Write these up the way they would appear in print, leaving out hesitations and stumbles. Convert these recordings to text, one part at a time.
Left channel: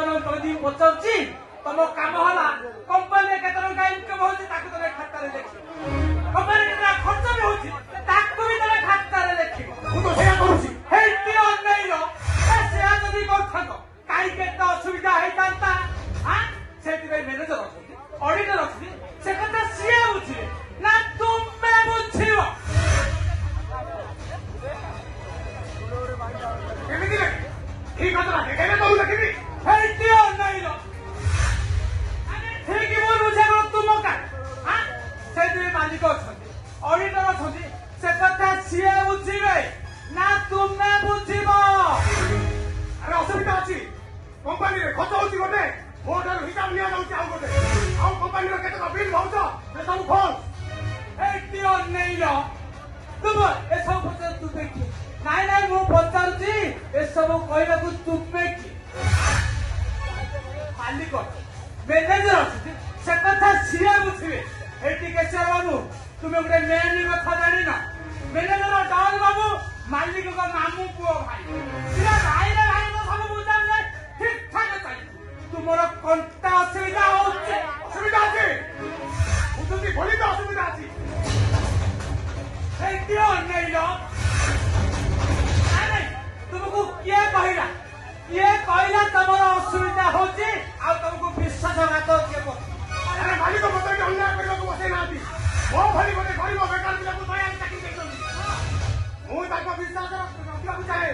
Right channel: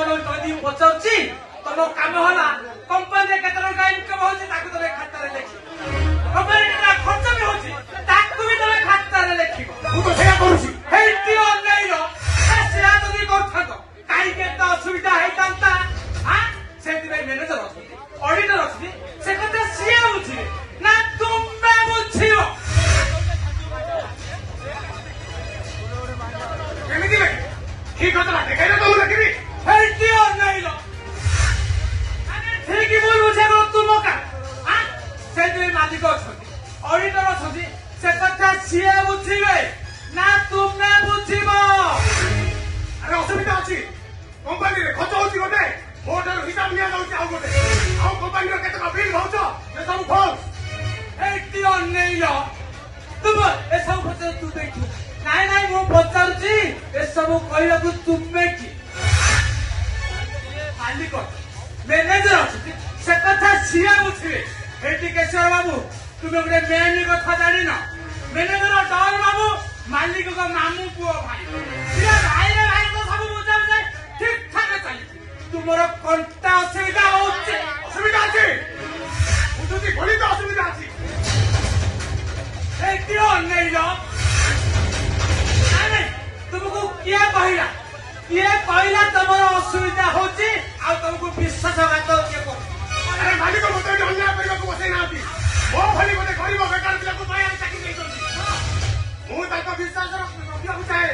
मानो जदी पचाउची तनो काम होला कंपनी केतर का इनकम होची ताकू तमे खाता रे देखि कंपनी ना खर्च भी होची ताकू भी तमे खाता रे देखि मु तो सेया करूची हेल्थी ऑनलाइन रो से आ जदी करथात काई के तो असुविधा है जानता हां सेति में मैनेजर ऑडिटर अछि से कते सिया होची ना तुमे बुझियो केमिति लागे ठीक है ना देखे तो लगे हेल्थी ऑनलाइन रो ठीक बोलू से तुम का हां से मालिक अछती ऑडिटर अछती से कथा सिया बुझी गए ना तुमने बुझिबो अरे असुविधा अछि कंपनी रे खर्च होछि गोटे मोटर हिसाब लिया जाउछि आ गोटे आ कंपनी रे केतना बिल होछ से सब खोल हेल्थी ऑनलाइन रो तुम ए सब खर्च तू देखि नाइ नाइ मो पचारछि ए सब कहया को तुमे की मालिक मैनेजर अछि से कथा सिया बुझिबे एटी केशर बाबू तुमे गोटे मेन कथा जानि न मैनेजर डॉन बाबू मालिक को मामू पुओ भाई ये भाई रे भाई तो सब बुझाम जे ठीक ठाक चली तुमरो कंटा असुविधा होचे असुविधा अछि बुझती घोड़ी तो असुविधा अछि देखियो नहीं लो अरे तुमको क्या कहला तमरो असुविधा होची आ तुमको विश्वास रखो के अरे मालिक को बता अन्याय करियो को से ना दी वो भली गोटे गरीब बेकार पिला को माया चाकी देइछन मु ताको विश्वास रखियो चाहे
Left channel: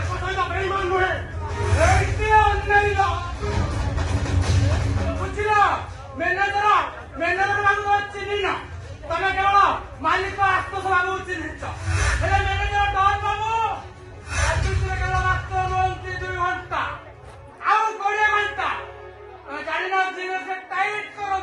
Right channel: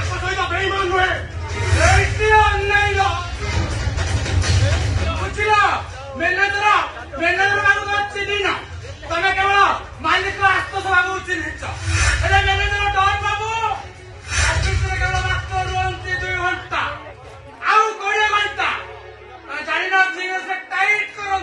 आको सहित बेईमान होए एटी ऑनलाइन लो बुझिलो मैनेजर बाबू चिनी ना तमे केवल मालिक को आस्तो बाबू चिनिछ अरे मैनेजर डॉन बाबू आजि केवल मात्र 2 घंटा आउ 20 घंटा जानि ना जीवन से टाइट करो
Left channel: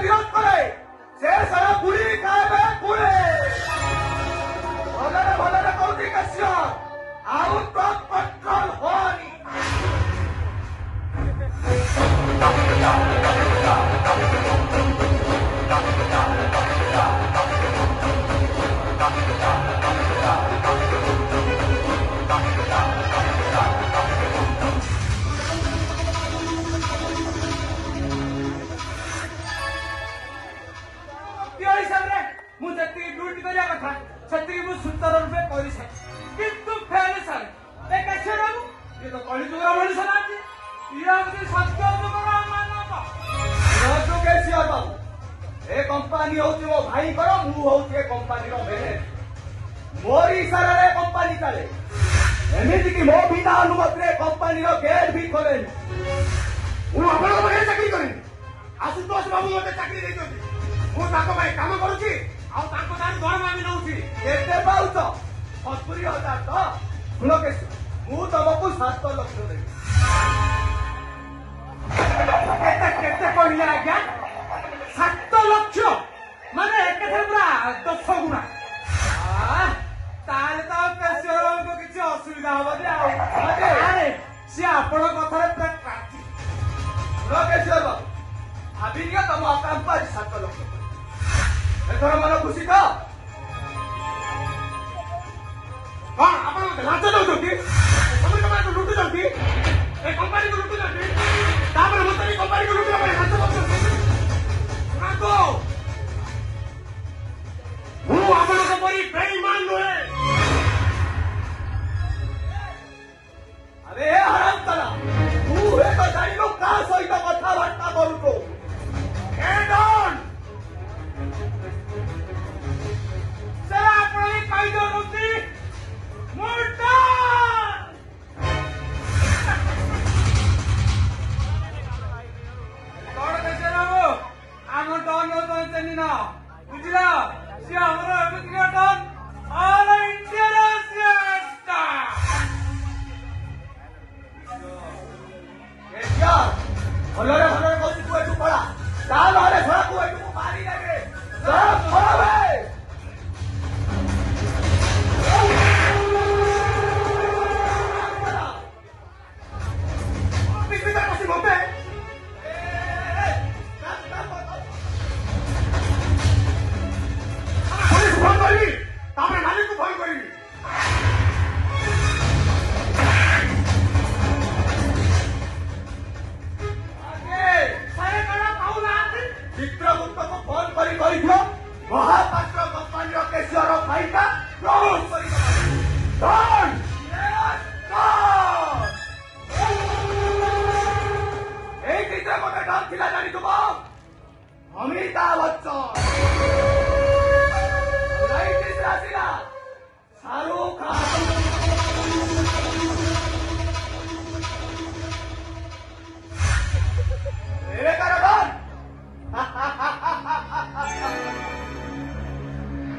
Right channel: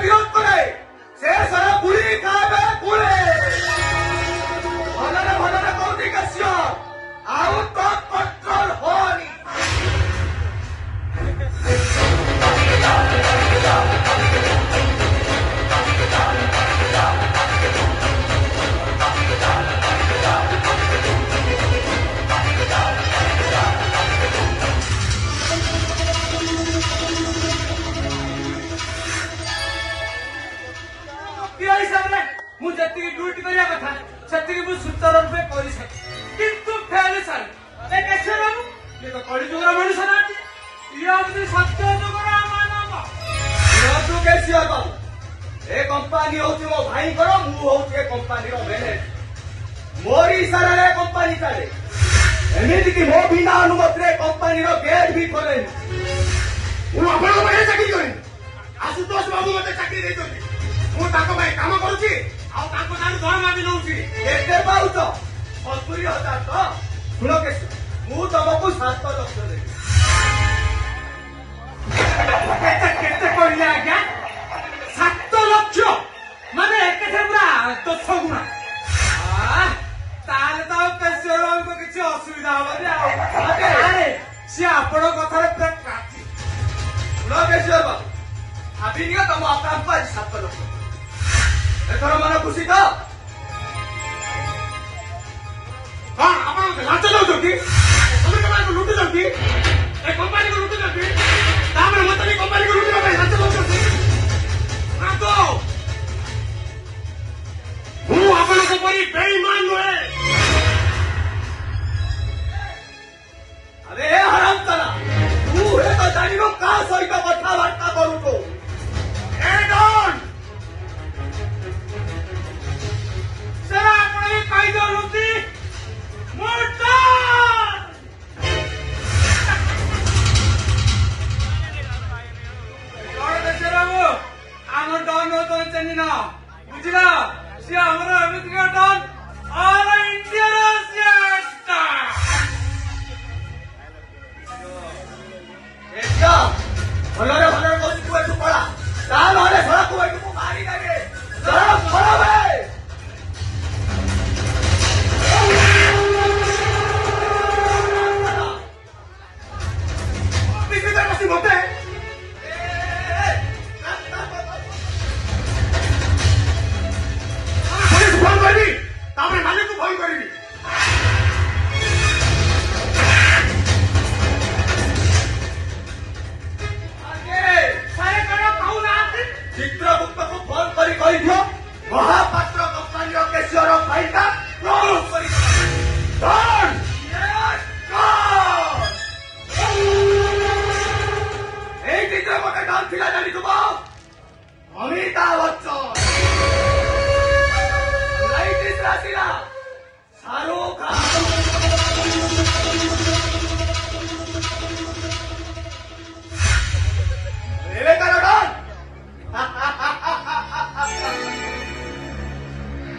विरोध करे से सारा गुली खावे गुली ସେତିକି ମୁଁ ସୁତର ରୂପେ କରିସାରେ କିନ୍ତୁ ଫେରେ ସାରେ ଏ କେଶର ବାବୁ ଇଏ ତ କଳିଯୁଗର ମଣିଷ ନାହାନ୍ତି ଇଏ ହଉଛି ସତ୍ୟ ଯୁଗର ମାନବ କେସିଆର ବାବୁ ଏ କମ୍ପାନୀ ହଉଛି ମୋ ଭାଇଙ୍କର ମୁଁ ହଉଛି ଏ କମ୍ପାନୀର ମ୍ୟାନେଜର ମୋରି ଇସାରାରେ ଏ କମ୍ପାନୀ ଚାଲେ ଏମିତିକି ମୋ ବିନା ଅନୁମତିରେ କମ୍ପାନୀର ଗେଟ୍ ବି କରେନି ମୁଁ ଆପଣଙ୍କ ପାଖରେ ଚାକିରି କରିବି ଆଶୁତୋଷ ବାବୁ ମୋତେ ଚାକିରି ଦେଇଛନ୍ତି ମୁଁ ତାଙ୍କ ପାଇଁ କାମ କରୁଛି ଆଉ ତାଙ୍କ ଠାରୁ ଦରମା ବି ନଉଛି କେତେ ପାଉଛ 70,000 ତ ଶୁଣ କେସି ମୁଁ ତମକୁ 7 ଲକ୍ଷ ଦେବି କେତେ କେତେ କହିଲେ ଆଜ୍ଞା 7 ଲକ୍ଷ ମାନେ ଏକାଥରେ ପୁରା 10 ଗୁଣା ତାହେଲେ ତ କେଶର ବାବୁଙ୍କ କିଛି ଅସୁବିଧା ହବନି ଆଉ ଆରେ ସିଏ ଆପଣଙ୍କ କଥାରେ ପୁରା କାଟି ଶୁଣ କେସିଆର ବାବୁ ଭାବିନିକା ତମ ଆକାଉଣ୍ଟକୁ ଆଜି 7 ଲକ୍ଷ ଏଥର ମନ ଖୁସି ତ କଣ ଆପଣ ଲାଞ୍ଚ ଦଉଛନ୍ତି କମ୍ପାନୀକୁ ଲୁଟୁଛନ୍ତି ଏ କମ୍ପାନୀକୁ ଲୁଟୁଛନ୍ତି ତାପରେ ମୋତେ ବି କମ୍ପାନୀକୁ ଲୁଟିବା ପାଇଁ ଲାଞ୍ଚ ଦଉଛନ୍ତି ମୁଁ ଆପଣଙ୍କ ପରି ବେଇମାନ ନୁହେଁ ଆରେ ହରାମ କରା ତୁ ଏ ତ ଜାଣିନୁ କାହା ସହିତ କଥାବାର୍ତ୍ତା କରୁଛୁ ଏ ଡନ୍ ସାର୍ ଆପଣ ବି କହିଦିଅନ୍ତୁ ମୁଁ ଡନ୍ କଣ କେଶର ବାବୁ ଆମ ଡନ୍ ହଉଛନ୍ତି ଚିହ୍ନିନ ବୁଝିଲ ସିଏ ଆମର ଏମିତିକା ଡନ୍ ଅଲ ଇଣ୍ଡିଆର ସିଏ ଡନ୍ ଏଇଟା ଭଲରେ କହୁଛି ତୁ ଏଠୁ ପଳା ତା ନହେଲେ ଘରକୁ ଏଠୁ ମୁଁ ମାରି ଦେବେ ପଳା ବେ ଅଫିସରେ ବସି ମୋତେ ପୋଲିସ ଫୋନ କରିବି ତାପରେ ମାଲିକକୁ ଫୋନ କରିବି ସାରେ କଣ କହୁନାହାନ୍ତି ଚିତ୍ରଗୁପ୍ତକୁ ଫୋନ କରି କହିଦିଅ ମହାପାତ୍ର କମ୍ପାନୀର କେଶର ଫାଇଲଟା କ୍ଲୋଜ୍ କରି ଡନ୍ ଏଇ ଚିତ୍ର ଗୋଟେ ଡନ୍ ଥିଲା ଜାଣିଥିବ ଅମିତାଭ ବଚ୍ଚନ ଲାଇଟିସ୍ ଆସିଲା ଶାହରୁଖ ଖାନ ଏବେ ତାର ଡନ୍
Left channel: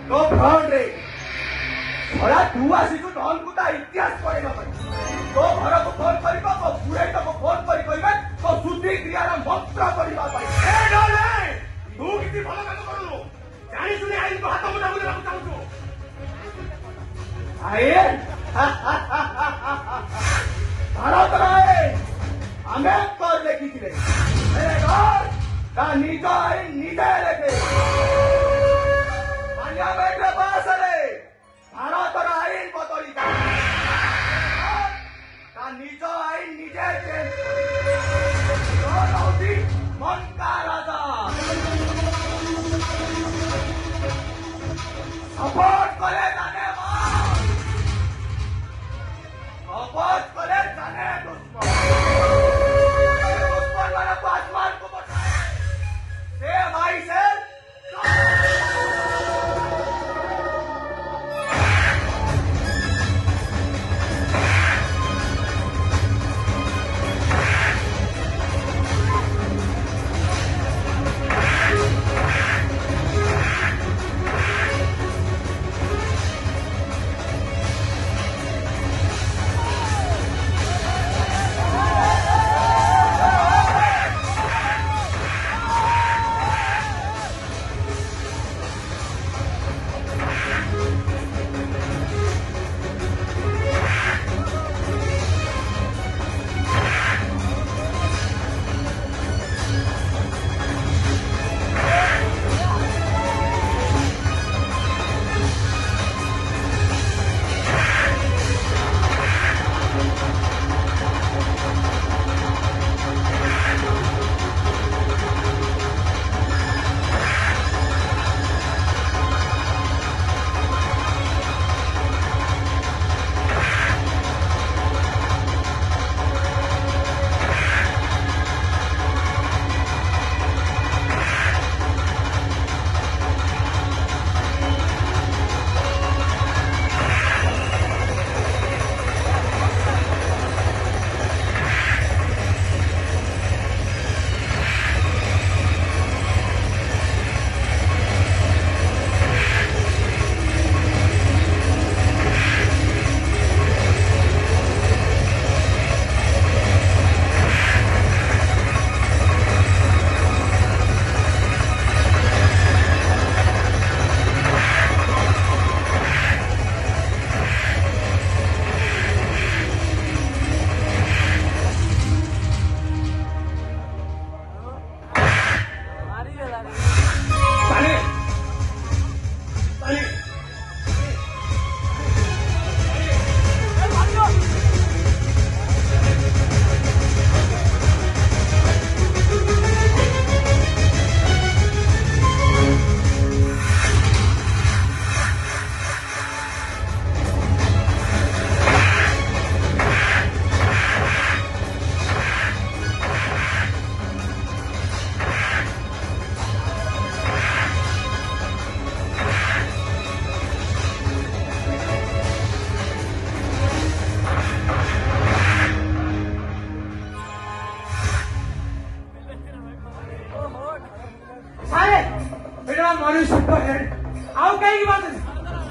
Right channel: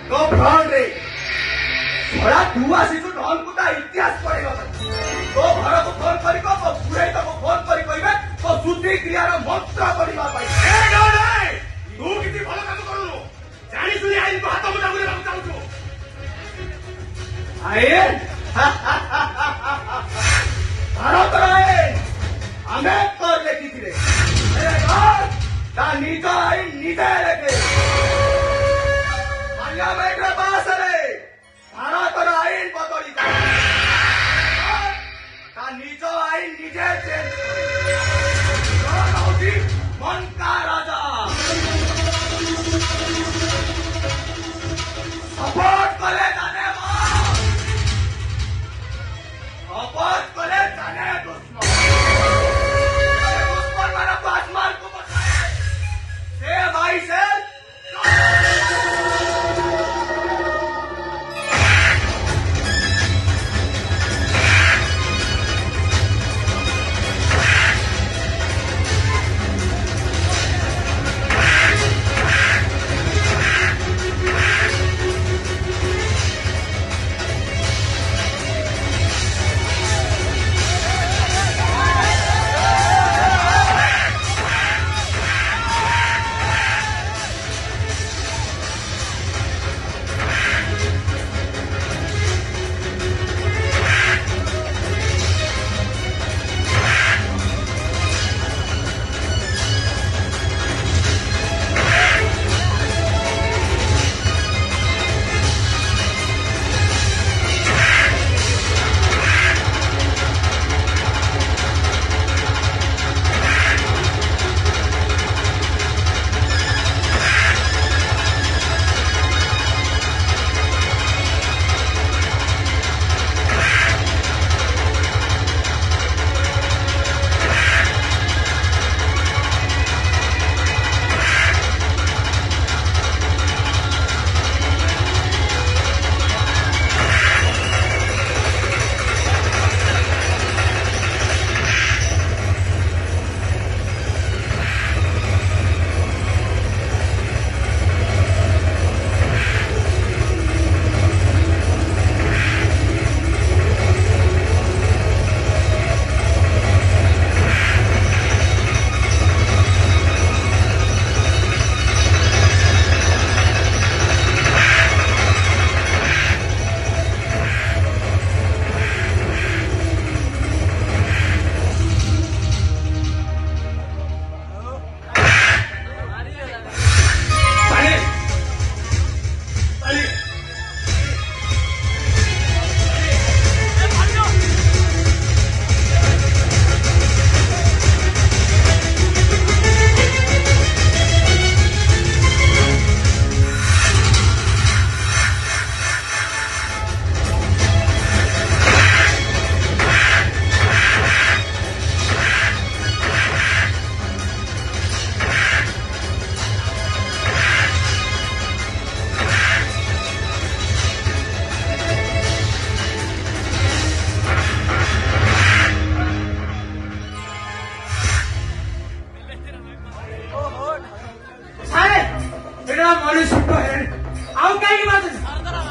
तो भ्रम रे थोड़ा तू आसीଛୁ ଡନ୍କୁ ତା ଇତିହାସ ପଢିବା ପାଇଁ ତୋ ଘରକୁ ଫୋନ କରି ତୋ ପୁରାଇ ତୋ ଫୋନ କରି କହିବେ ତୋ ଶୁଦ୍ଧି କ୍ରିୟାର ମନ୍ତ୍ର ପଢିବା ପାଇଁ ଏ ଡନ୍ ତୁ କିଛି ଭଲ କାମ କରୁନୁ ଜାଣି ଶୁଣି ଆଇନକୁ ହାତ ମୁଠା କରିବାକୁ ଚାହୁଁଛୁ ଆଇନ ଭାରତର ଆଇନ ଆମ୍ବେଦକର ଲେଖିଥିଲେ ତା ନିଜ ଆଇନ ନିଜେ ଲେଖେ ପାର୍ଲାମେଣ୍ଟର ପାସରେ ଭାରତର ଆଇନ ବଦଳି ତା ନିଜ ଆଇନ ନିଜେ ଚେଞ୍ଜ କରେ ମନକା ରାଜା ସପୋର୍ଟ କଲେ ଜାନେ सपोर्ट करे जाने दुश्मन दुश्मन वाला को आसमान को बचाए ए भाई से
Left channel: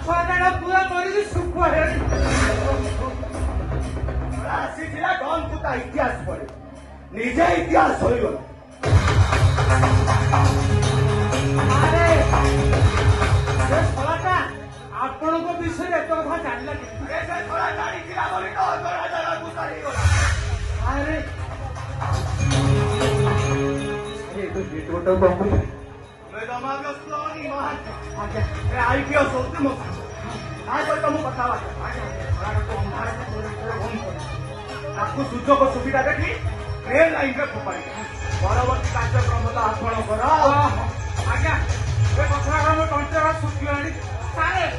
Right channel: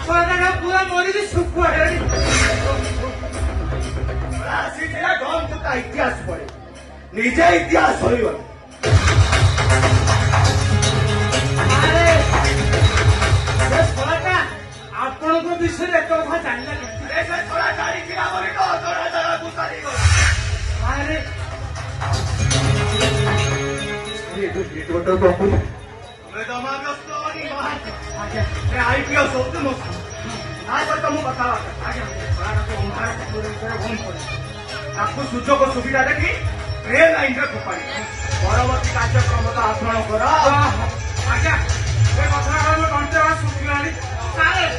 ଛୁଆଟା ପୁରା ମରିକି ଶୁଖୁଆ ଆସିଥିଲା ଡନ୍ ତୁ ତା ଇତିହାସ ପଢେ ନିଜେ ଇତିହାସ ଶୋଇଗଲା ଆପଣଙ୍କ ବିଷୟରେ ଏତେ କଥା ଜାଣିଲେ ଆରେ ତାକୁ ସୁଯୋଗ ସୁବିଧା ଦେଖି ଟ୍ରେନ୍ ଲାଇନରେ ଫୋପାଡ଼ି ପରବର୍ତ୍ତୀ କାର୍ଯ୍ୟକ୍ରମର ଆପଣ କର ଆଜ୍ଞା ଏ କଥାଟା ମୋ ତଣ୍ଟିରେ ଶୁଖିଲାଣି ସାର୍